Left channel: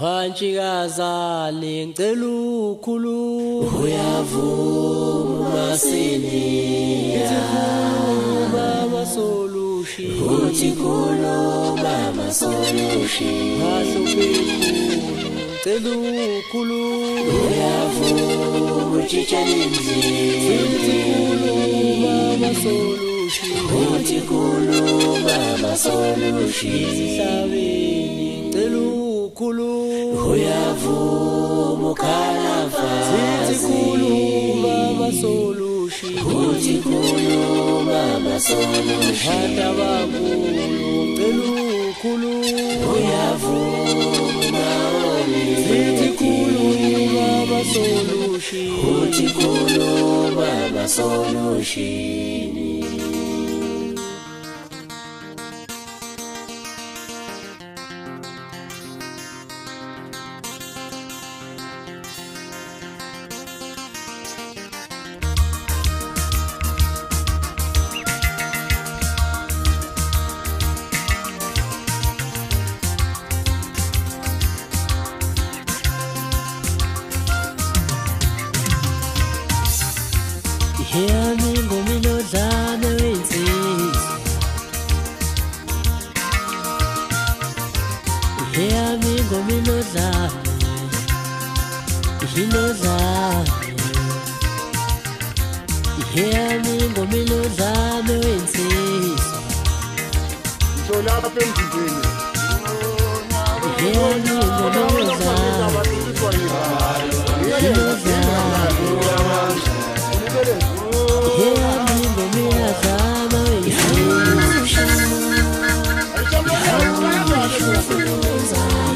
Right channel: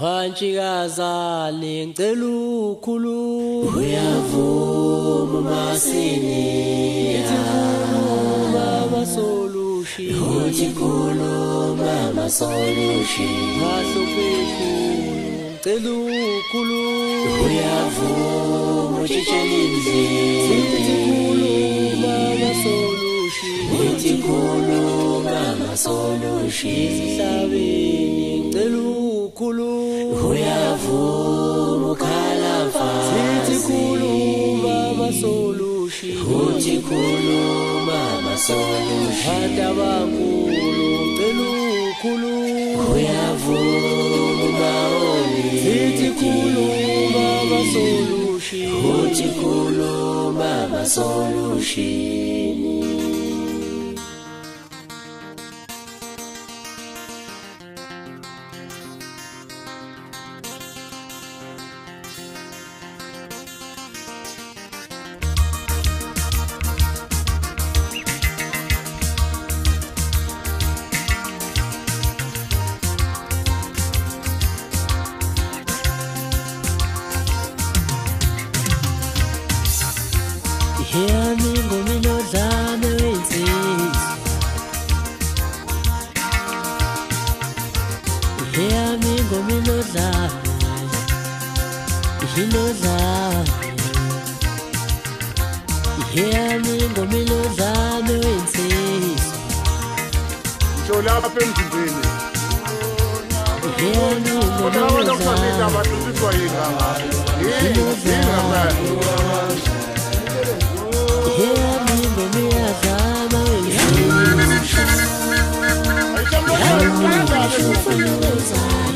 Hanchikazane ngicela ukhuluma uyavuma sini ithi khuluma masolution uthi khuluma masolution phahlo bekhulu ngicela ukhuluma uyavuma chichenze ithi khuluma masolution uthi khuluma masolution izihlabeni ngicela ukhuluma uyavuma ukhalava ithi khuluma masolution uthi khuluma masolution Hata bankulu ngicela ukhuluma uyavuma oli ithi khuluma masolution uthi khuluma masolution Hear me ngomino dlame wensizwa Hear me ngomino dlame Hino dlame Hear me ngomino dlame wensizwa Njola lapha emzimbeni. Hear me ngomino dlame Hino dlame Hear me ngomino dlame wensizwa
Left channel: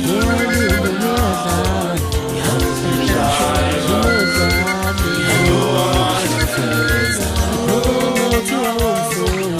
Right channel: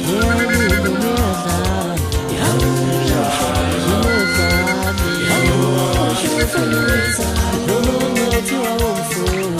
Hear me ngomino dlame Hino dlame Ngathi wawumfuni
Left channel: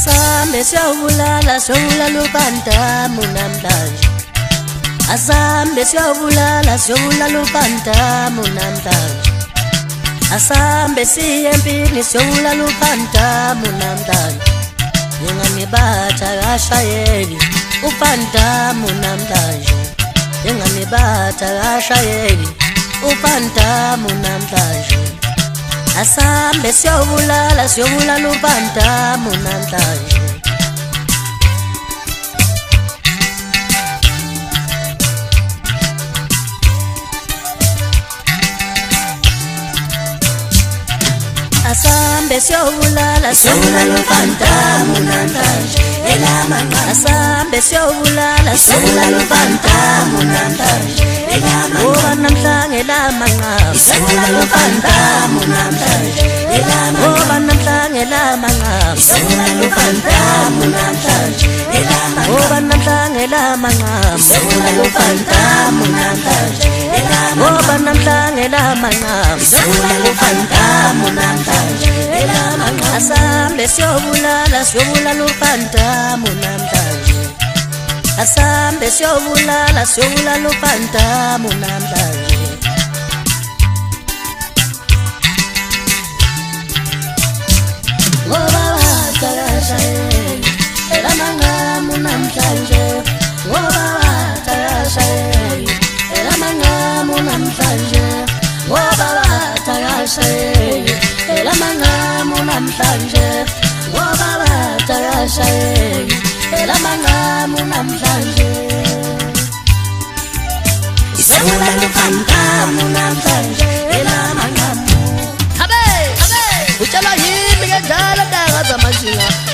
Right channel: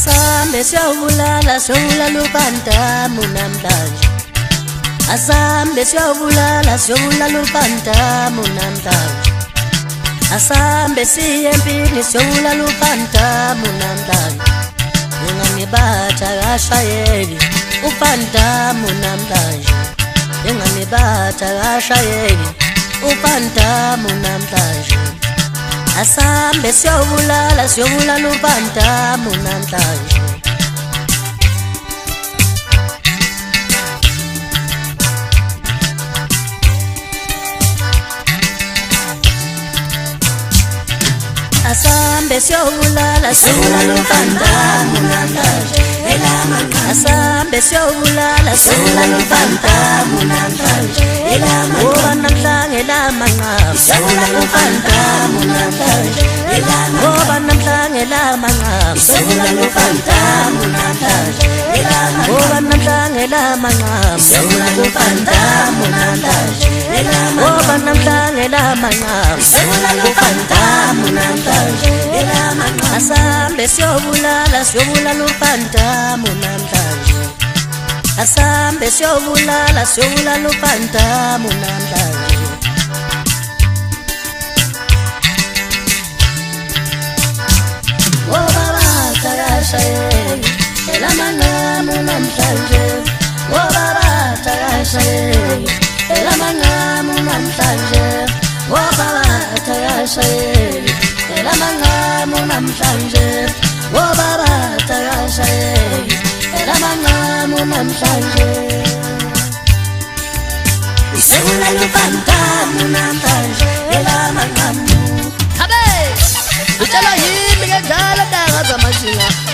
Asambe siyobulala siyobulala ubandamu namhlanje. Asambe siyobulala siyobulala ubandamu namhlanje. Asambe siye empini siyobulala ubandamu namhlanje. Nginganibatha kashayeli ubandamu namhlanje. Nginganibatha kashayeli ubandamu namhlanje. Asambe siyobulala ubandamu namhlanje. Asambe siyobulala ubandamu namhlanje. Asambe siyobulala ubandamu namhlanje. Ngoba namhlanje lamanqamu ubandamu namhlanje. Ngoba namhlanje lamanqamu ubandamu namhlanje. Ngoba namhlanje lamanqamu ubandamu namhlanje. Ngoba namhlanje lamanqamu ubandamu namhlanje. Asambe siyobulala ubandamu namhlanje. Asambe siyobulala ubandamu namhlanje.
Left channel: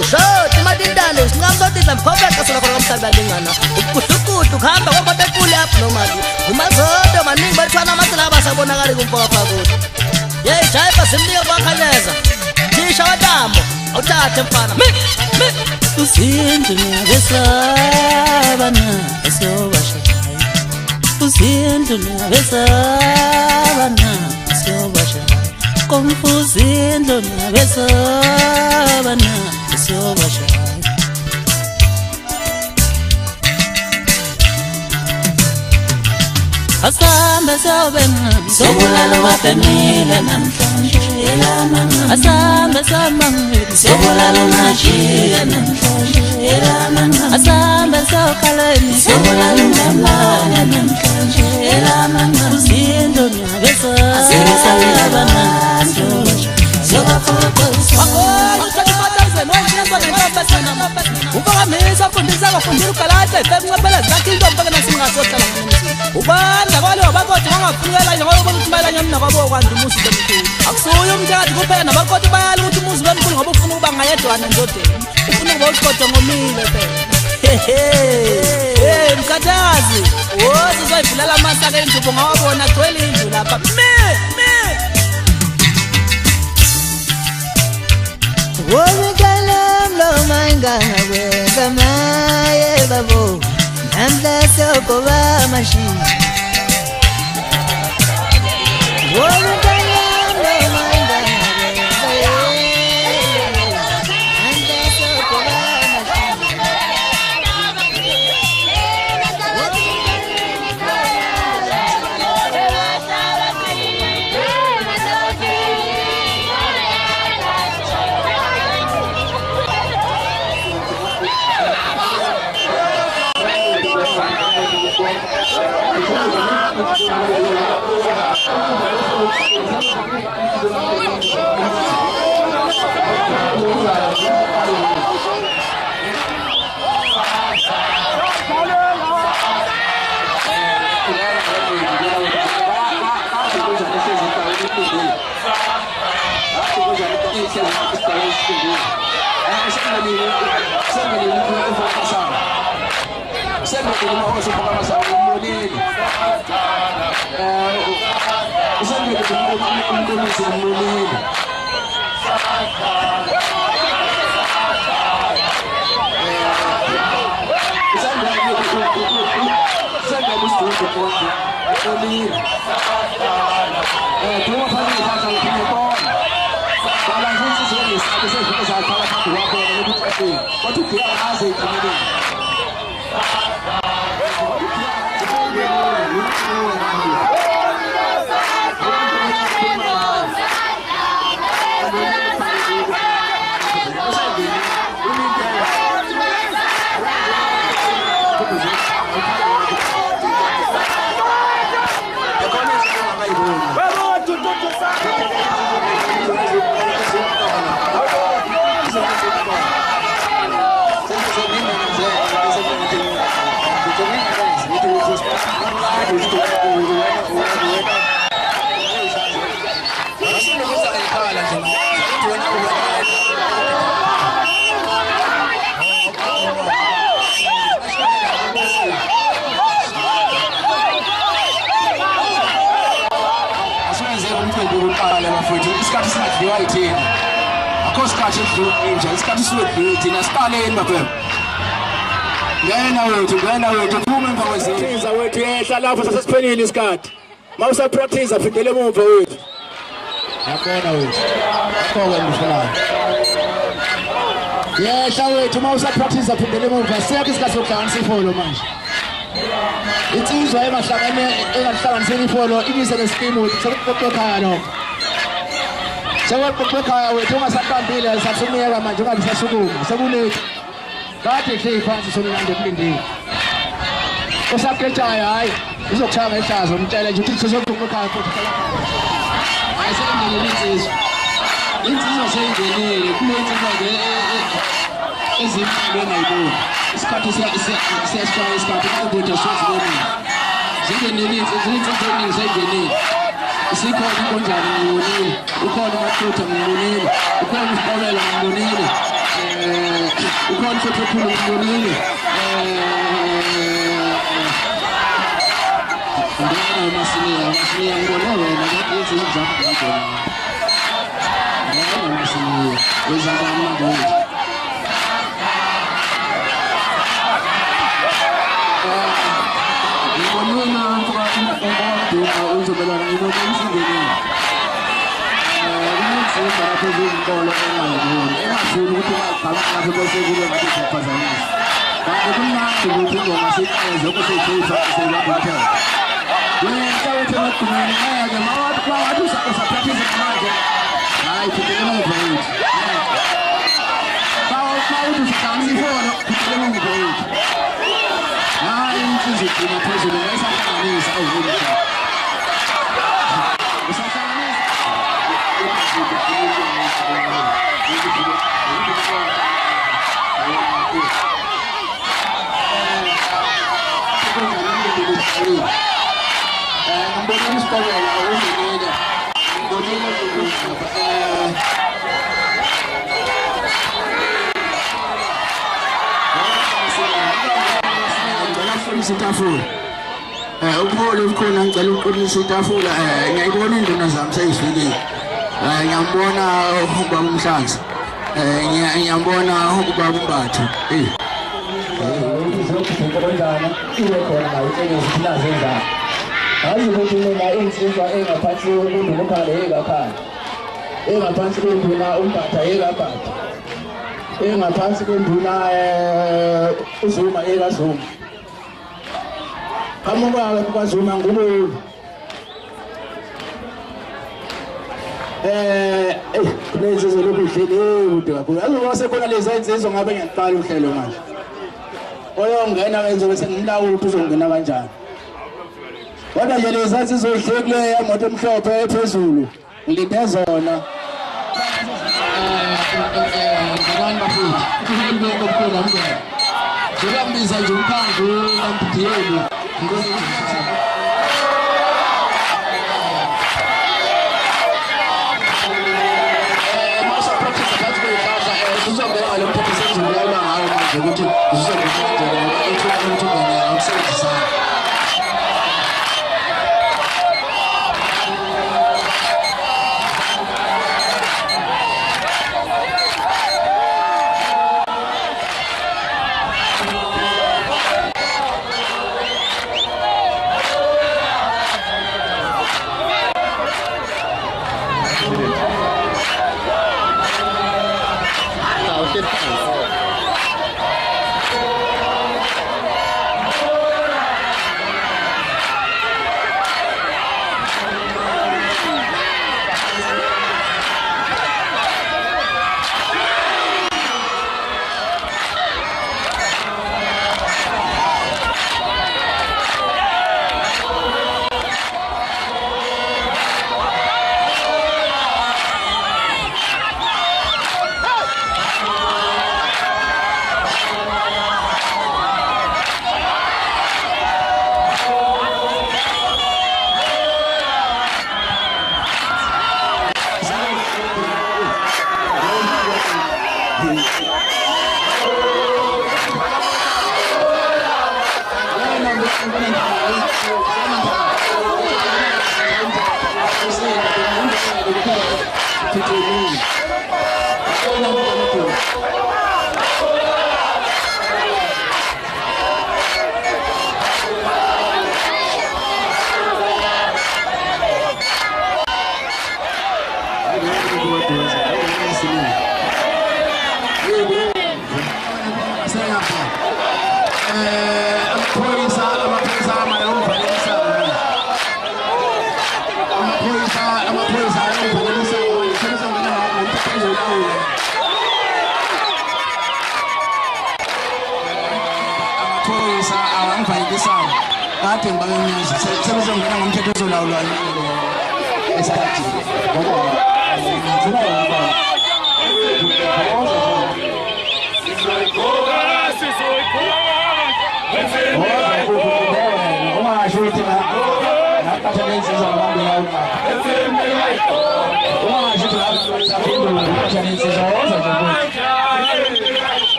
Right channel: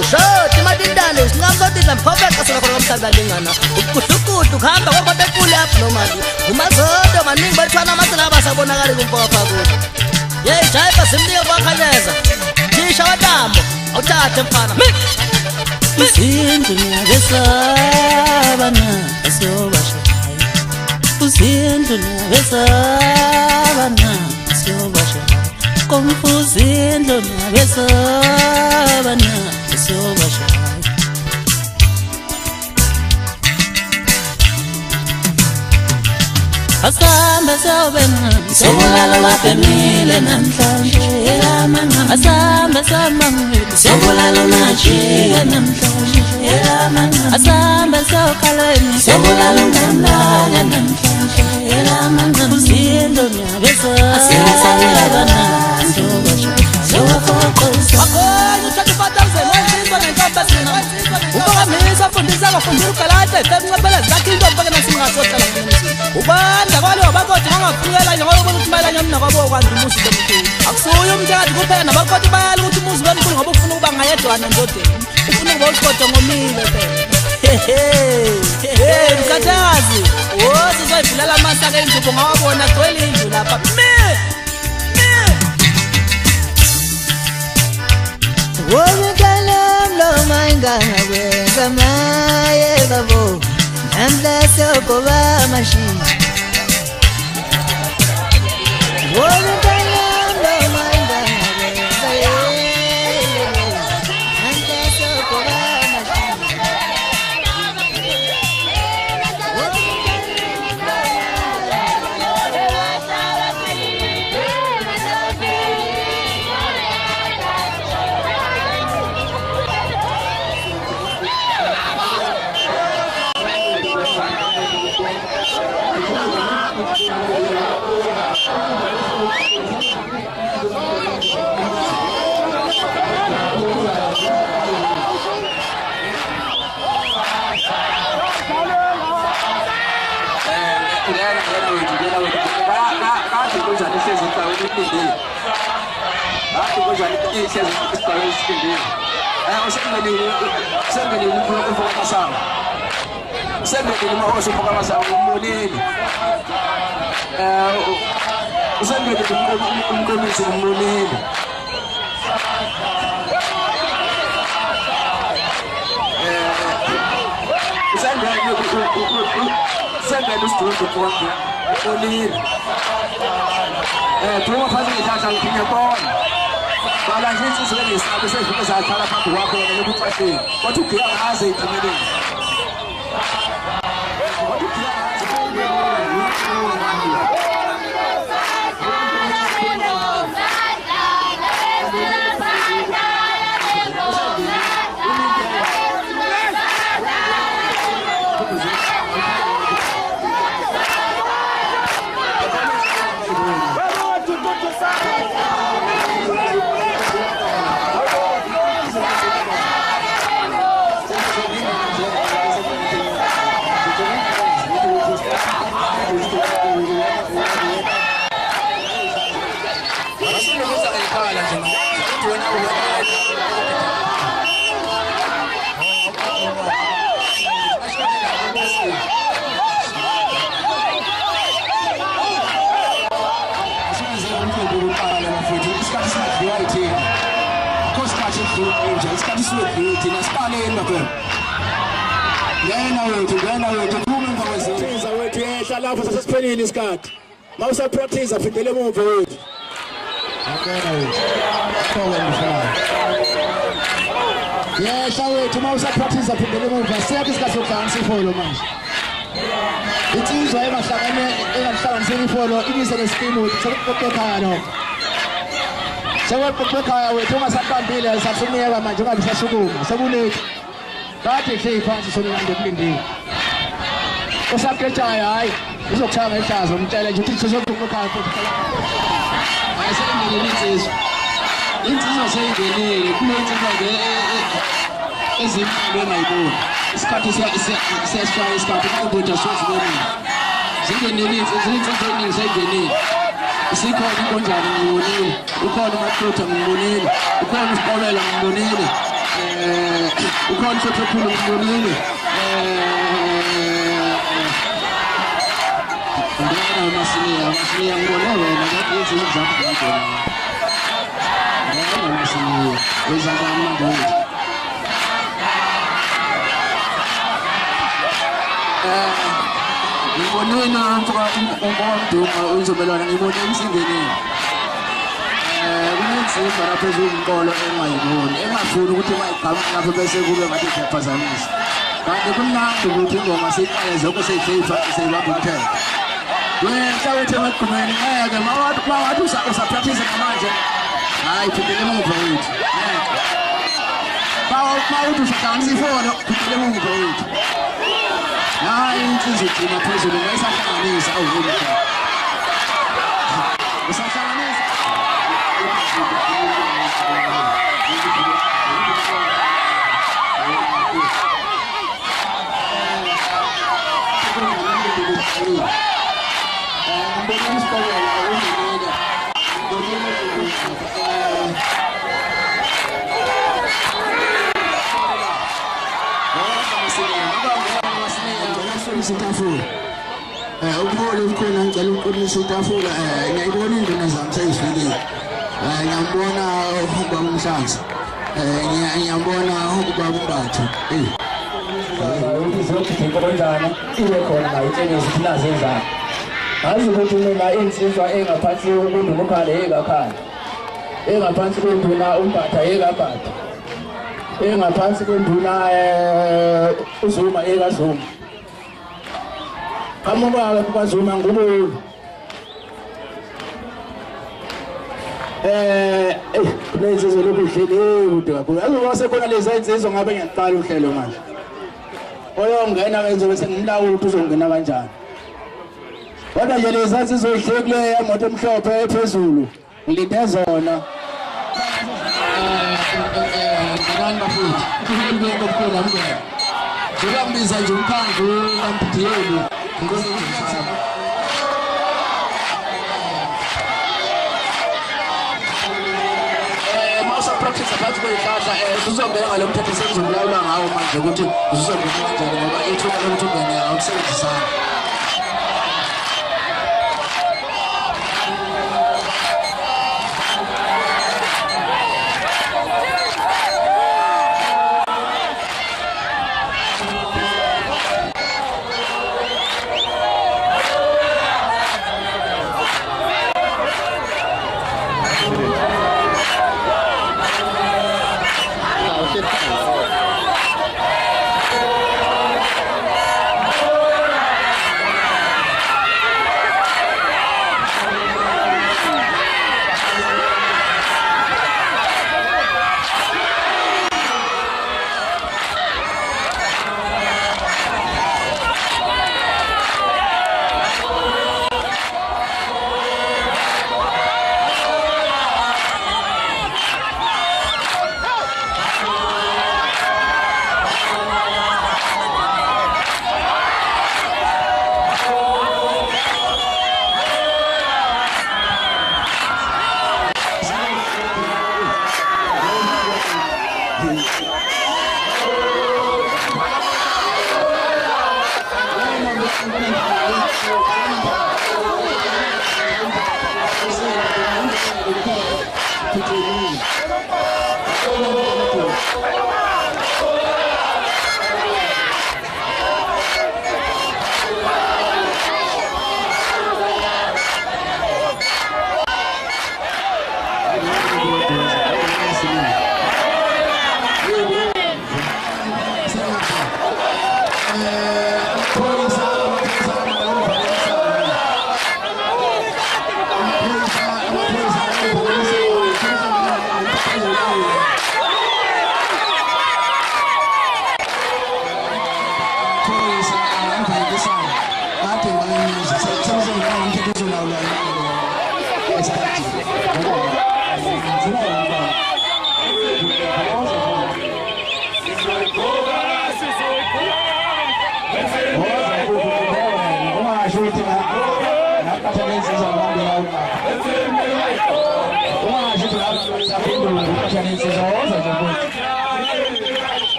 Ushoti madindane singamsotidla mphobeka sona khona komhlabalingana ukuhlukudu kuhamba kwabate kule apha nomali umazodo maningi balithwana amasela abasabonakali kumpopha kude yeyi jayipa simnike kwakhanyeza thisha watambo awuthathe mfana Uzindlu niyabesabana asiyobashaya. Uzindlu niyabesabana asiyobashaya. Komfuzindlu niyabesabana asiyobashaya. Asambe siyobena sobulala wabemile namhlanje. Asambe samangile sobulala unashiya namhlanje. Asambe siyokhaleni sobulala ungamane namhlanje. Uzindlu niyabesabana asiyobashaya. Wakhona u-25,000 wenziswa nentombazana ubakamisa afundisa akafundile ugalata efemnqaphela zakhe intombi nasimngasohlala ubanda kwalo abakoti bangafunukela nje ngoba ukuthi mayelanye mna kwabo kwanda umuzi bemkhulu akusuye umthakathi kuphela nabakoti bayala ukuthi umuzi bemkhulu ngoba ufuna ukuba ngayedwana ndodeni ufuna ukuba uqodo ngomile phela mkhathazi wosi uzoyivulela amasaka endubo ngawabona gcwele indlu lapha Womikalam lo mainganga kwenza maye babo namhla sokoba mashini. Womikalam lo mainganga kwenza namhla sokoba mashini. Usendele mahosi mboka masango umbonile. Usendele umqondisi umbonile. Usendele usidudu konke umbonile. Thuma phansi ngithatha ngiphinde bona. Bala nje insizwe lesabe sezifike zakhala phambi kwakho ukuthi athi wathi ugiya ngaze iphumelele. Isikhathi siwedlule thina siqaleni bafana. Ngena wethu phuma emva kwezinto wethu yehla lapho sasesiphelile isikhathi. Mawusa practice afidele emuva wethu. Yakona wethu. Akhowe mfana. Yehla wethu mawusa practice afidele emuva. Siyakho isikhathi sokudansa ifolo manje. Insizwa emahlangane engahlanganisela ifolo ibise lesikimu sokuqoqeka lokho. Seweqoqeka wethu ungasaqambile sasumiyeka manje ungabe sasukuma sekulethe kade hle phansi sonilande kulindile usaqetshayo hayi uzokuchanga ehlazo umtshele nje ukuthi sozoqoqeka futhi ayisengenile insizwa seyingenile kulensizwa ke ezimphilo engayiboni isikhathi siyashaya isikhathi ukuthi sozibonile zingenile insizwa eziningi seyingenile isikhona inkonjane ngibonile ukhona uMathutha ngibonile ukhona uSiqobela ngibonile ukhona uSothululo ngibonile ngiyana Masiya ngibona wena ngathi izinto zakho ngibona ngiyana Masiya wezaba amandla ngibonina ngomdumo uzobelana ngibona emsindeni kuninzima lapho ezinkolo engayiboni engafuni ukuthi mayigqama lapho bese kube ngathi iyaphazamisa kanti kumnandi ukuthi ingoma siqale zonke seyifeyisa seyibamba umthetho wena wethu emagqumeni ngeke mawathi usapractice manje hayi phindele emuva wethu mawuthi usidansa ifolo phindele emuva wethu hayi insizwa igcina phezulu ngayisahlanganisa awuvule usahlanganisa ngibona uSiqobela ungenile isitafula ukuhole ukhona ngicela uqinisa itafula ngiyayibona induna zami seyifikile ngiyambona ubaba uMhlanzi ngiyambona ubaba uMbathu izokufika kanjani ibe khona ngayitshela ukuthi nazenzani hayi ukuthi mina insizwa engaphansi koNduna uKhale engakhala engaphansi koNduna uMbatha engabhatha engaphansi koNduna uZuma engazuma amubaba kwaZuma ngubulu lezi zolokhu ihlele kude kakhulu azoba sekhona lezi insizwa ngabe ngiyaqala uhlelo manje oyongena wenze bese ngimlawula ukuthi uzongena kanjani kodwa nje lezi insizwa ihlekule emoto emhlophe ephezulu ngilinde zona ngibani bafuthi kuhamba ngokukhona mngane ngiyabiza nje umkhandlu kaMpitheli masa practice phakathi kwezihlahla sizongena ngalo mthetho senzulula ngawo manje ukuthi sizongena kanjani ngoba ethu ukuthi ungene nokusebenzisana.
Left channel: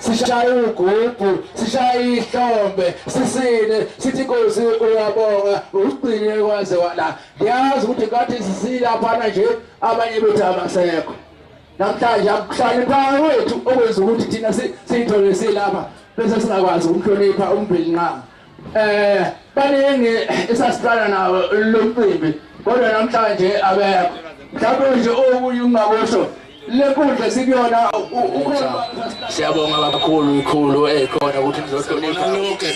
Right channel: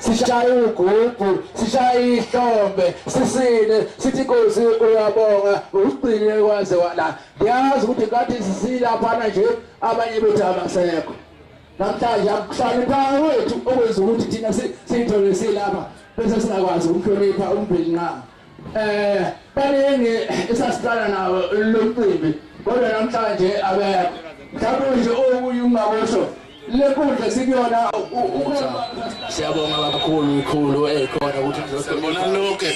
Sishaye ugugu, sishaye ihlombe, sisine, sithi Nkosi uyabonga, usigcine kwaze wala. Ndiyazi ukuthi ngathi sisila phana nje abanye bethu abasekho. Namhlanje akuhlali phansi wethu okwenza ukuthi thina siyithole silapha bese singakwazi ukuhlonipha umbhilinqama. Baningi esasiqala nawo lomcimbi kodwa namhlanje abekho. Mhlawumbe nje okunye ungabosho lekundla sikuyona siyabonga kakhulu ikhulu ekhona ukuthi nizohlonipha lonke.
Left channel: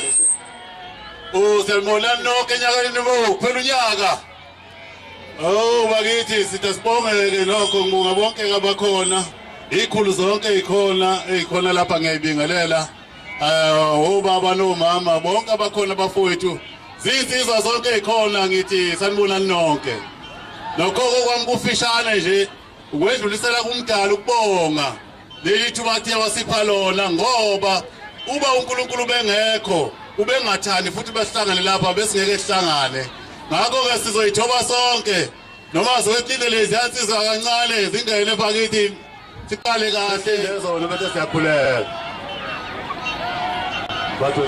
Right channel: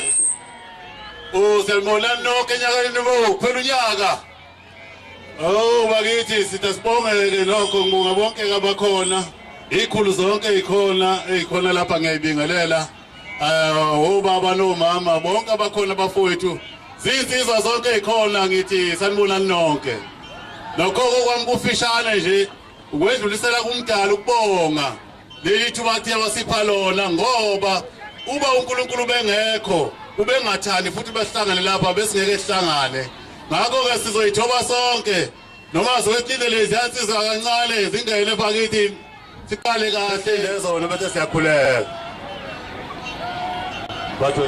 Siyabona nonke enyakeni bo kuphela unyaka. Oh bakithi sithe sibongeke lokho ngibonga bonke abakhona. Ikhulu zonke ezikhona lapha ngiyibingelela. Obaba nomama bonke abakhona bafowethu. Zinsizwa zonke ezikhona ngithi sanibona nonke. Lokho kwami kufishane nje ukwedlulisela kumdala ukubonga leli thubathi wasipha lona ngoba uba uNkulunkulu bengekho ubengathandi futhi besihlangane lapha besingeke sihlangane ngakho ke sizoyithoba sonke noma zowehlile lezi yansizwa kancane zingene phakithi siqale kahle lezona bese siyakhuleka bathu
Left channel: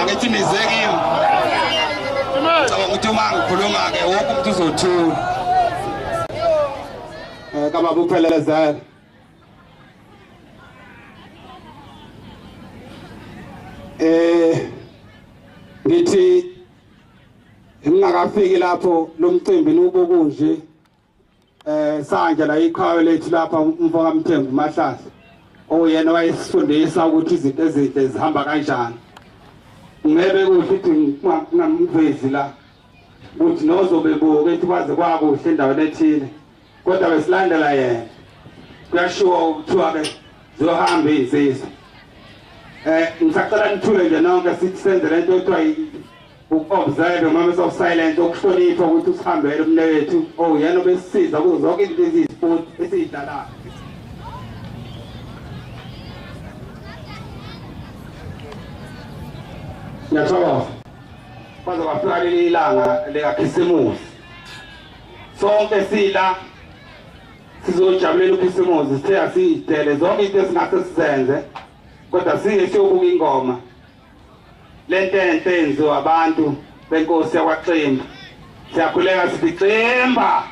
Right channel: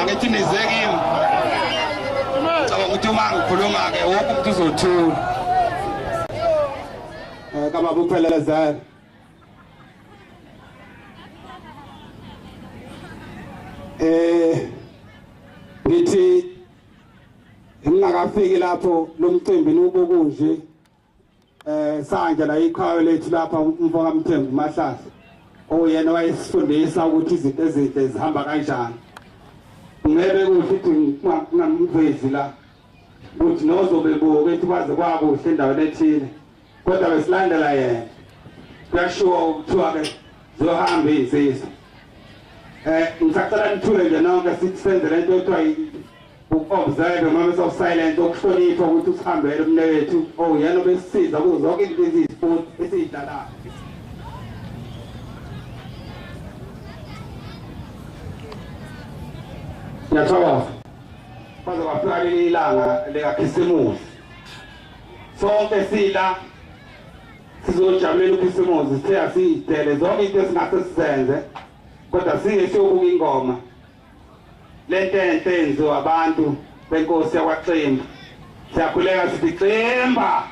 angithi nizekile ukuthi uma ngikhuluma ke wonke umuntu uzothula kama buphelelezela ngithi ngingakafiki lapho lo mcimbi nubukunje sanje la ikhaya lethu lapha umfoka Mthembu Mahlahla oyena wayesifundisa ukuthi izinto ezinhle zihamba kanjani ngebe ukuthi ngamvezi la ukuthi nozobebuka ethi kwaze kwakuhle endaweni ethile kodwa besilandela yena kuyashiwo ukuthiwa ke zohamba izizwe ngisacela nithule nje nonke sithi senze lento ekuthiwa uku-observe moments of silence ukuhlonipha ukuthi usihambele umnewethu oyena obesisiza kuzo zonke izinto eziyisipoti esiyidlalayo Nyathawa kwaze kwafika leli ilanga lekaKhisimusi sonke sila sizojabulela uKhisimusi sithe asiyidele zonke izinto esingase sizenze kodwa singesiyobuka ingoma lento enhle enziwa abantu benkosi yakwaXimba siyakhuleka sithi Ximba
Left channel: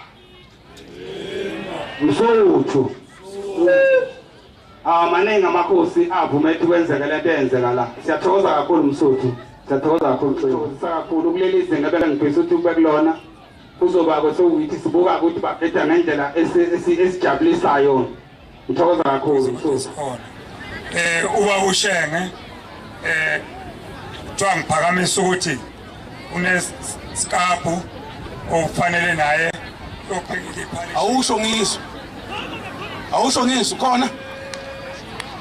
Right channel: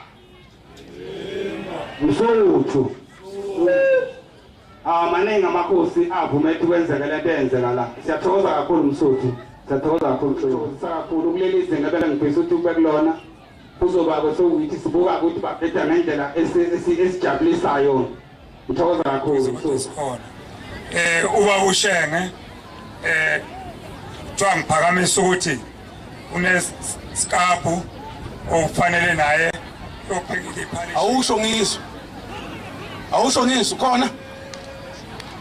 Msuthu maningi amakhosi avumethe kwenzeka lento eyenzeka la siyathokoza kakhulu Msuthu siyathokoza kakhulu Ximba kakhulu kuleli izinga bela ngifisa ukuthi ube kulona kuzoba kwethukuthi sibuka ukuthi baphetha ngendlela esijabulisayo ngithokoza kakhulu Msuthu uba ushenge kuthiwa ngiphakamisa ukuthi unesikapu okufanele naye yophekile iphalishe awusho ngiso khona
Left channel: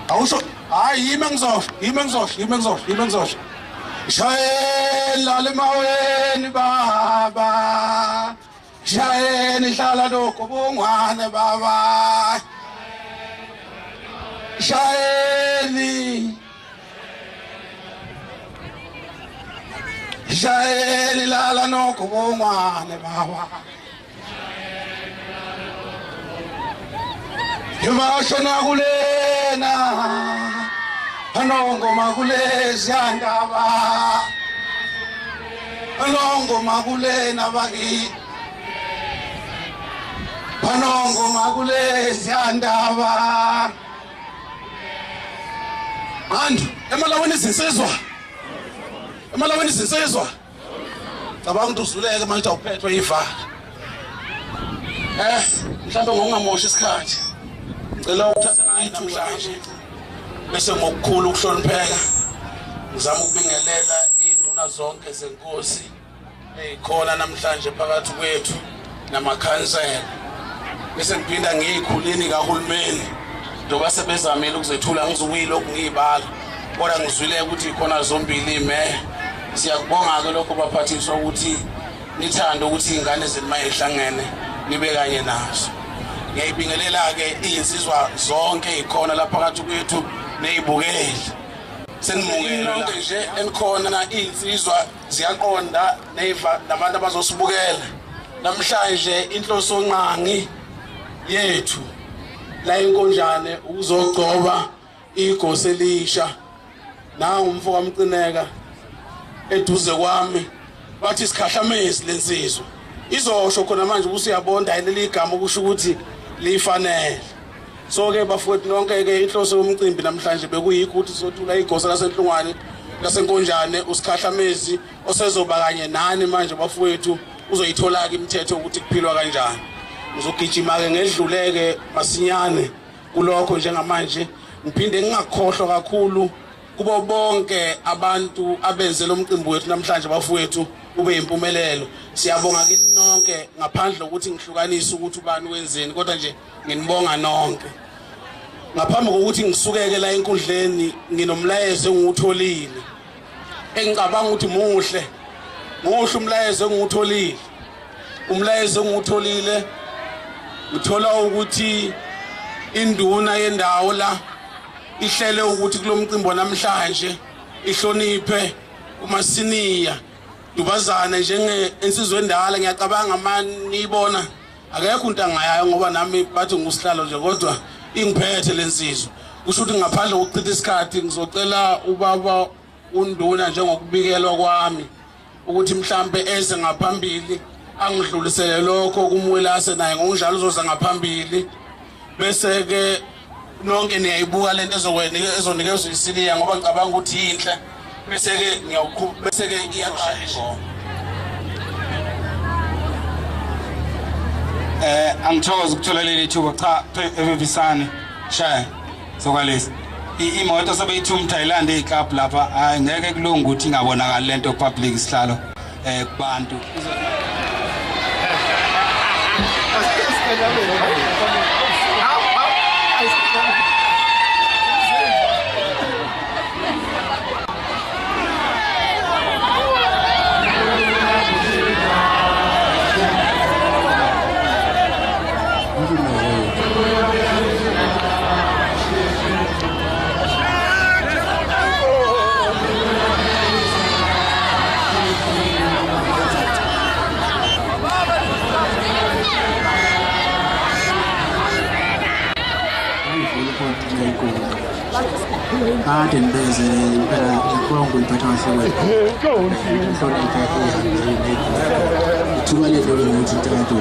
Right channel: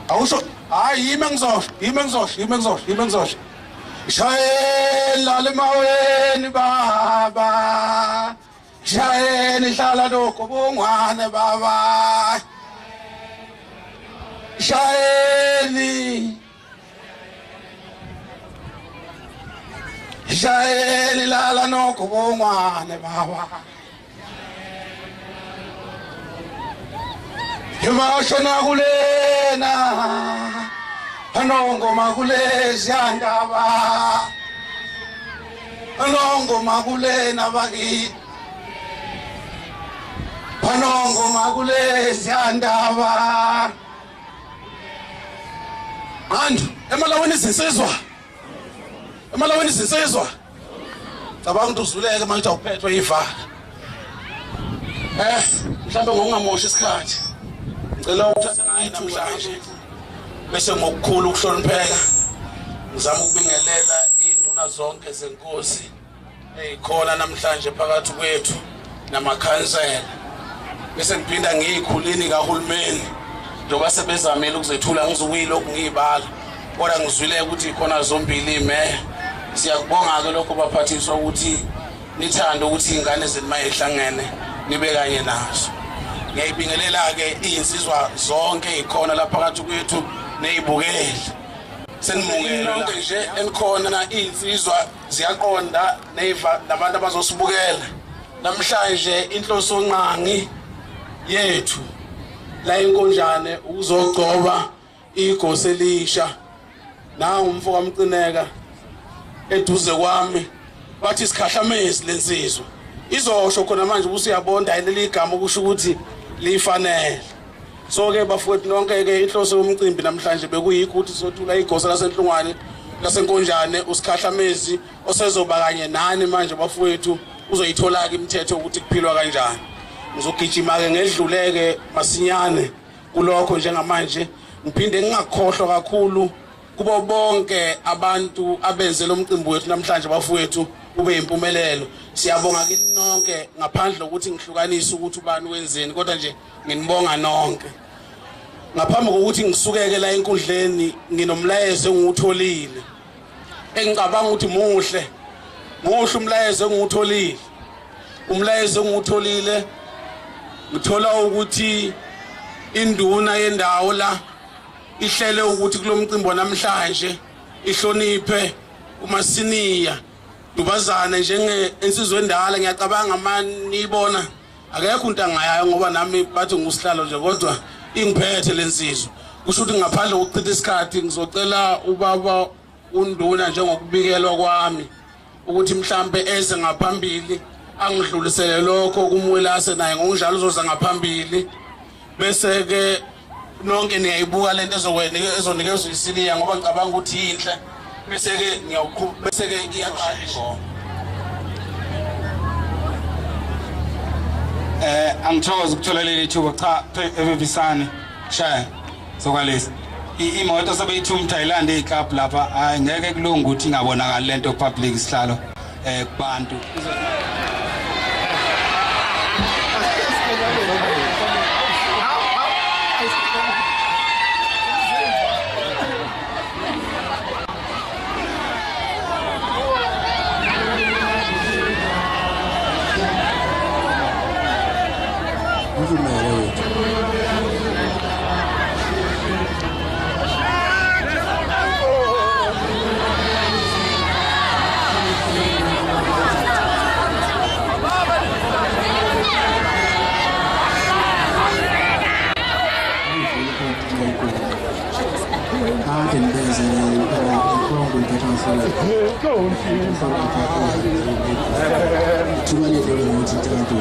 awusho hayi yime ngizosho shayela lemaweni baba shayeni hlala lokho bongwane baba shayeli lala nokho bongwane baba Yimashona kulena Anongo makulezi andaba Anongo makulena baki Anongo makulezi andaba Andu emalaweni sinsizwa cabanga ukuthi uzuleke manje awuphethwe ivaka mhlawumbe ngokungamoshi isikhathi ngicela ukuthatha namhlanje bese ngokukhulu ukuhlonipheka ngizama ukubingelela induna zonke zenkosi ezikhona namhlanje phakathi kwethu namakhansela bese ngiphinda ngiyikhulini kahulumeni njengoba sebezamile ukuzethula ngizukuyilokhu ngiyibala kodwa ngizwile ukuthi ikhona zombili ime siyakubonga ke lokho baphathiswa ukuthi nithanda ukuthi ingane zenu mayihlangene nibe kanye nazo ngiyibingelela ke insizwa zonke ikhona lapha phakathi kwethu nezibukeli senimungela lonke nje enikhona na insizwa ziyaqonda neva nabantu abazosibukela namhlanje inhloso nqangi yethu la inkonjane ukuzogcoba igosi elisha na umfo kaMcineka eduze kwami bathi isikhahlamezi lensizwa izosho khona manje ukuthi uyabonda leli igama ukusho ukuthi lifanele So ke bafowethu nonke ke inhloso yomcimbi namhlanje bekuyikho ukuthi sothula igosa lasenhlungwane lasenkonjane usikhahlamezi osezoba kanye nani manje bafowethu uzoyithola ke imithetho ukuthi kuphilwa kanjani. Ngizogijima ke ngedluleke masinyane kulokho njengamanje ngiphinde ngingakhohlwa kakhulu kubo bonke abantu abenze lo mcimbi wethu namhlanje bafowethu ube impumelelo. Siyabonga kini nonke ngaphandle ukuthi ngihlukanise ukuthi ubani wenzeni kodwa nje nginibonga nonke. Ngaphambi kokuthi ngisukeke la enkundleni nginomlayezo engiwutholile engicabanga ukuthi muhle umlayezo engiwutholile. Umlayezo engiwutholile ngithola ukuthi induna yendawo la ihlele ukuthi kulo mcimbi namhlanje ihloniphe umasiniya Dubazana njenge insizwe endala ngiyacabanga mani ibona akekho into angayayo ngoba nami bathi ngusihlalo nje kodwa ingiphethe lensizwe. Kusho ukuthi ngaphandle kokuchitha isikhathi ngizocela ubaba unduna njengokubikelwa kwami ukuthi mhlambe eze ngaphambili angidlulisele lokho kumwelase naye ngokunjalo uzoza ngaphambili bese ke nonke niyayibuka lento ezonikezwe isiniya ngoba ngicabanga ukuthi inhle bese ke bese ke iyaqala ingoma. Angithokoza ukuthola leli thuba cha evivisane shaya sokwalesi imoto sebeyithuma Thailand eClub lapha hayi ngeke kulunga ukuthi ingabonakala lento public isihlalo kubantu. Kade nibeze impela ikongo impatha kahle. Thuba ledlule ngokuthi intanto.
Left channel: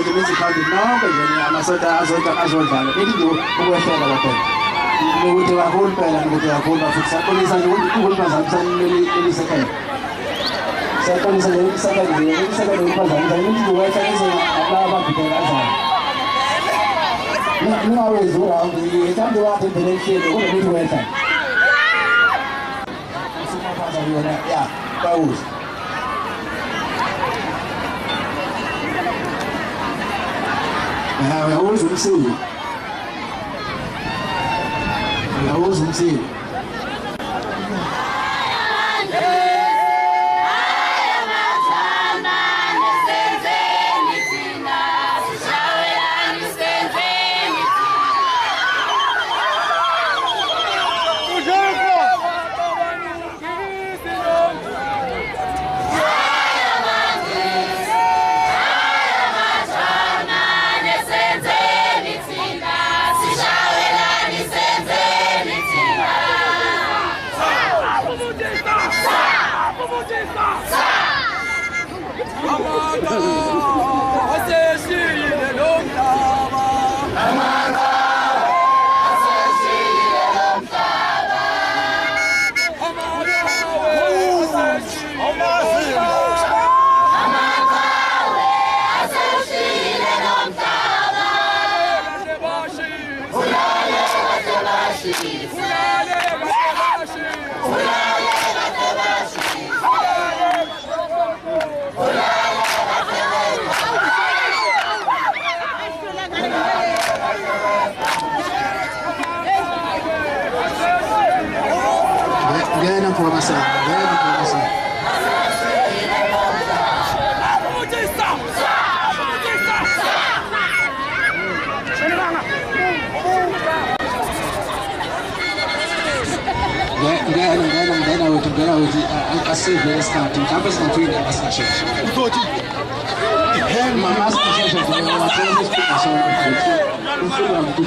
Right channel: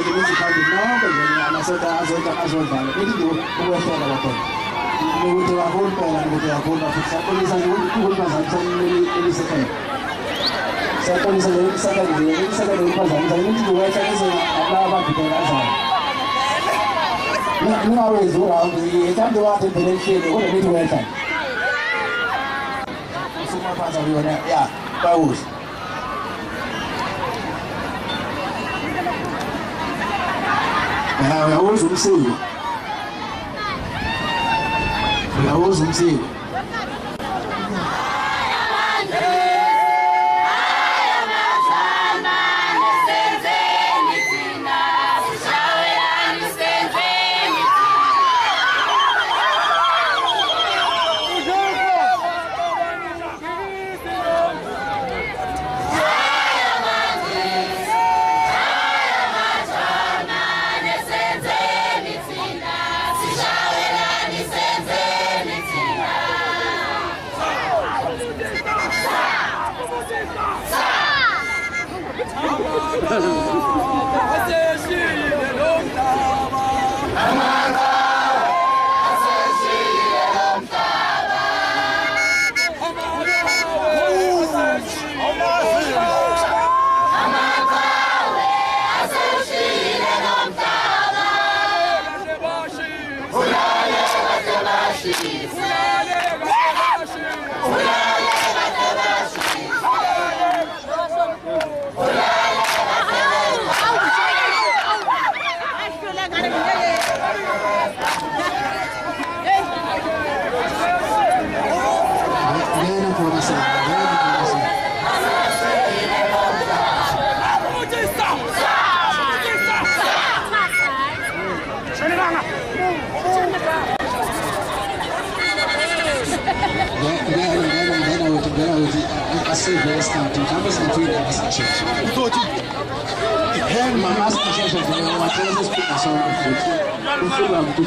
sote municipality nonke nje amasoda azodlala bethi nje ukwehlela bakhona ukuthi kakhulu phela ukuthi kakhulu futhi sakolisa nje ukuthi uhulumazana elisekhaya sakolisa nje isakale uphazamisa ukuthi ukwehlela laba ababhekela kanjani ningawezi uhambe ethanda wakhe empeleni kodwa bethi wehlela usumaphaza yona ya bawuza uyawuza umsilo uyawuza umsilo Very starting campus and doing that session. Mama's session for our classes to us on the foot. We feel like to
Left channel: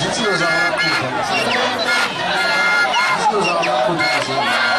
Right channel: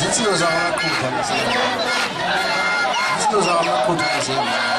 This is our